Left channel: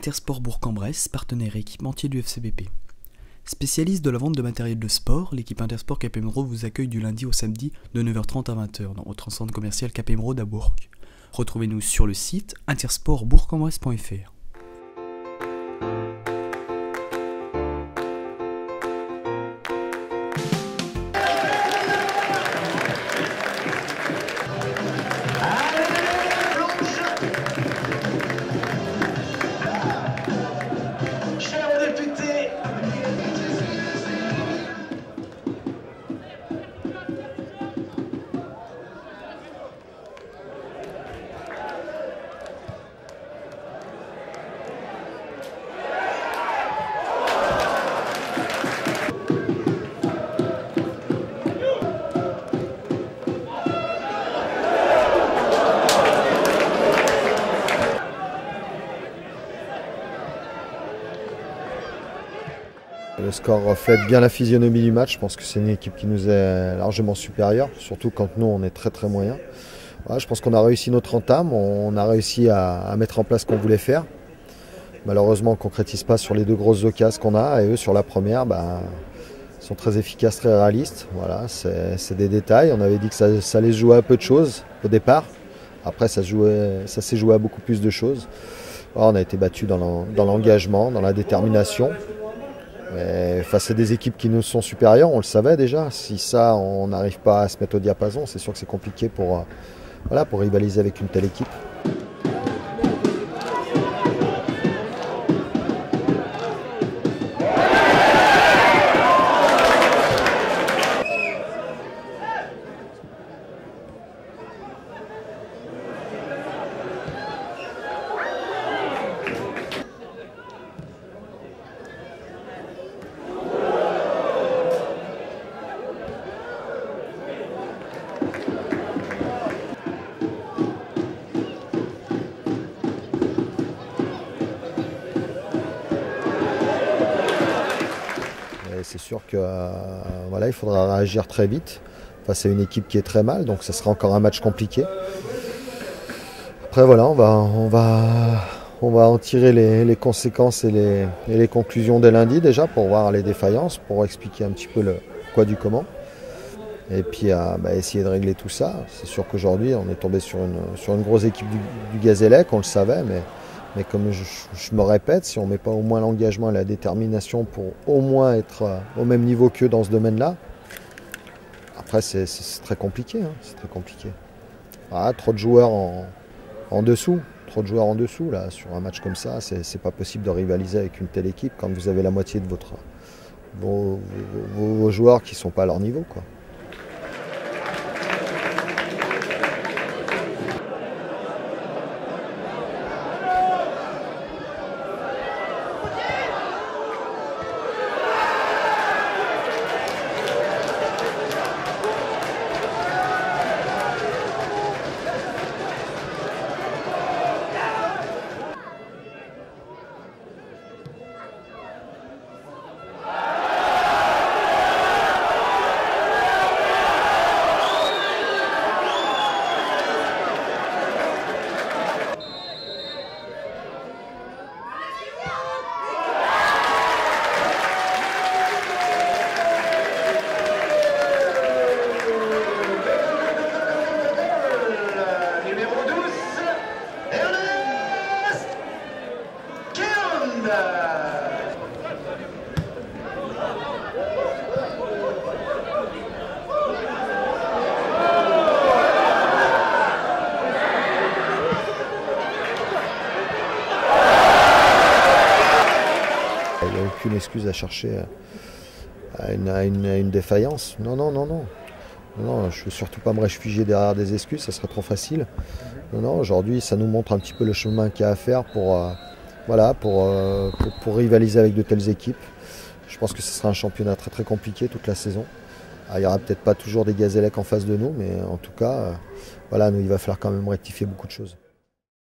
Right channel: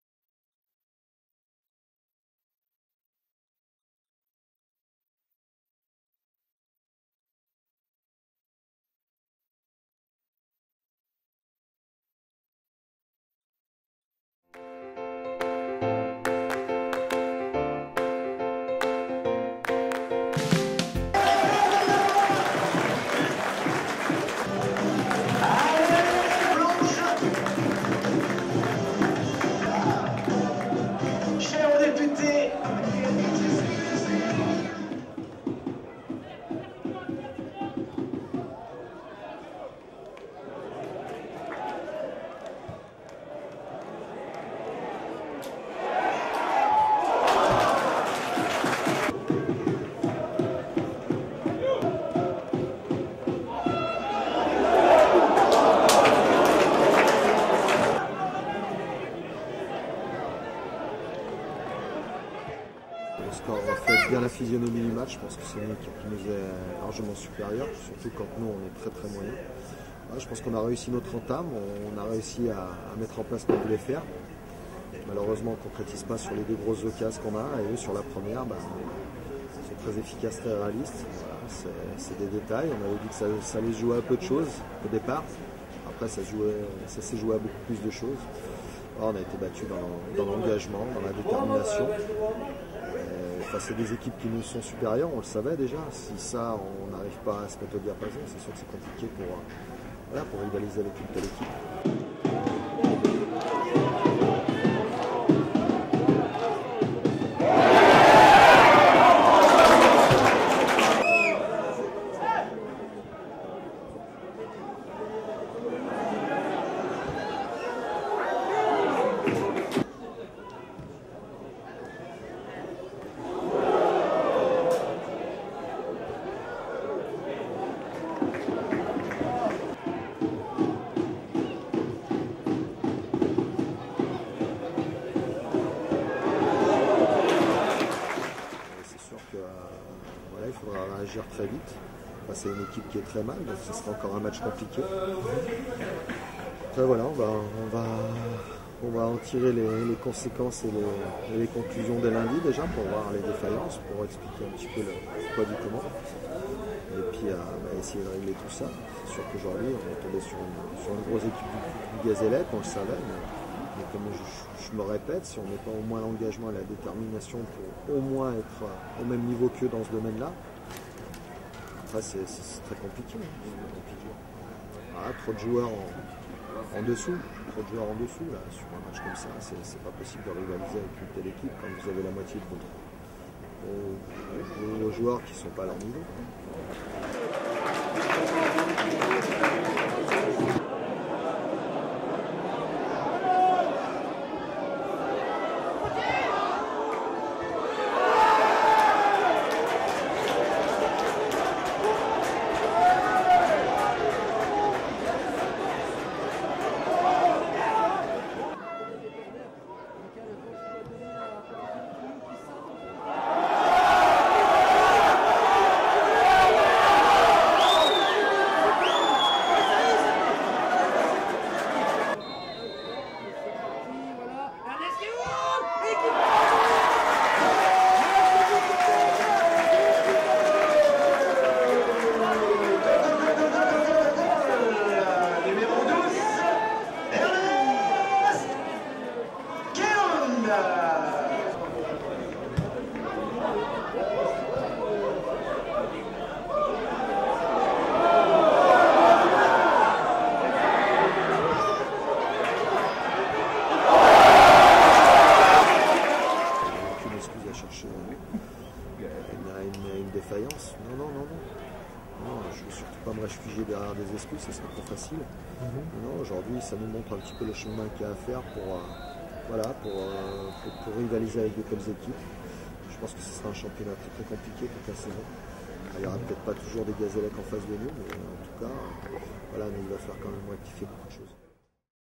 Intersport Bourg-en-Bresse, partenaire et équipementier du FCBP. Spécialiste de la vente de matériel de sport, l'équipe Intersport Cap Émeraude vous accueille du lundi au samedi de 9h30 à 20h dans votre centre commercial Cap Émeraude à Bourg. Retrouvez-nous sur le site intersportbourg-en-bresse.fr. Le score reflète bien la physionomie du match. Je pense que c'est une équipe qui nous est largement supérieure, surtout quand nous on est très moyens. Voilà, je pense qu'on a réussi notre entame, on a réussi à mettre en place ce qu'on voulait faire. Malheureusement on ne concrétise pas sur les deux grosses occasions qu'on a, et eux sur la première sont très efficaces, très réalistes. Voilà, c'est des détails. On avait dit que ça allait se jouer à peu de choses au départ. Après ça s'est joué à beaucoup plus de choses. Alors, on a été battus dans l'engagement, dans la détermination. Mais face à des équipes qui nous sont supérieures, on le savait déjà. Si ça, on n'arrive pas à se mettre au diapason, c'est sûr que c'est compliqué pour rivaliser avec une telle équipe. C'est sûr qu'il faudra réagir très vite face à une équipe qui est très mal, donc ce sera encore un match compliqué. Après voilà, on va en tirer les conséquences et les conclusions dès lundi déjà pour voir les défaillances, pour expliquer un petit peu le quoi du comment. Et puis essayer de régler tout ça. C'est sûr qu'aujourd'hui on est tombé sur une grosse équipe du Gazélec, on le savait, mais comme je me répète, si on ne met pas au moins l'engagement et la détermination pour au moins être au même niveau qu'eux dans ce domaine-là, après c'est très compliqué. C'est très compliqué. Trop de joueurs en dessous. Trop de joueurs en dessous. Là, sur un match comme ça, c'est pas possible de rivaliser avec une telle équipe quand vous avez la moitié de vos joueurs qui ne sont pas à leur niveau, quoi. Aucune excuse à chercher à une défaillance. Non, je ne veux surtout pas me réfugier derrière des excuses, ça serait trop facile. Non, aujourd'hui, ça nous montre un petit peu le chemin qu'il y a à faire pour rivaliser avec de telles équipes. Je pense que ce sera un championnat très compliqué toute la saison. Il n'y aura peut-être pas toujours des Gazélec en face de nous, mais en tout cas, nous, il va falloir quand même rectifier beaucoup de choses.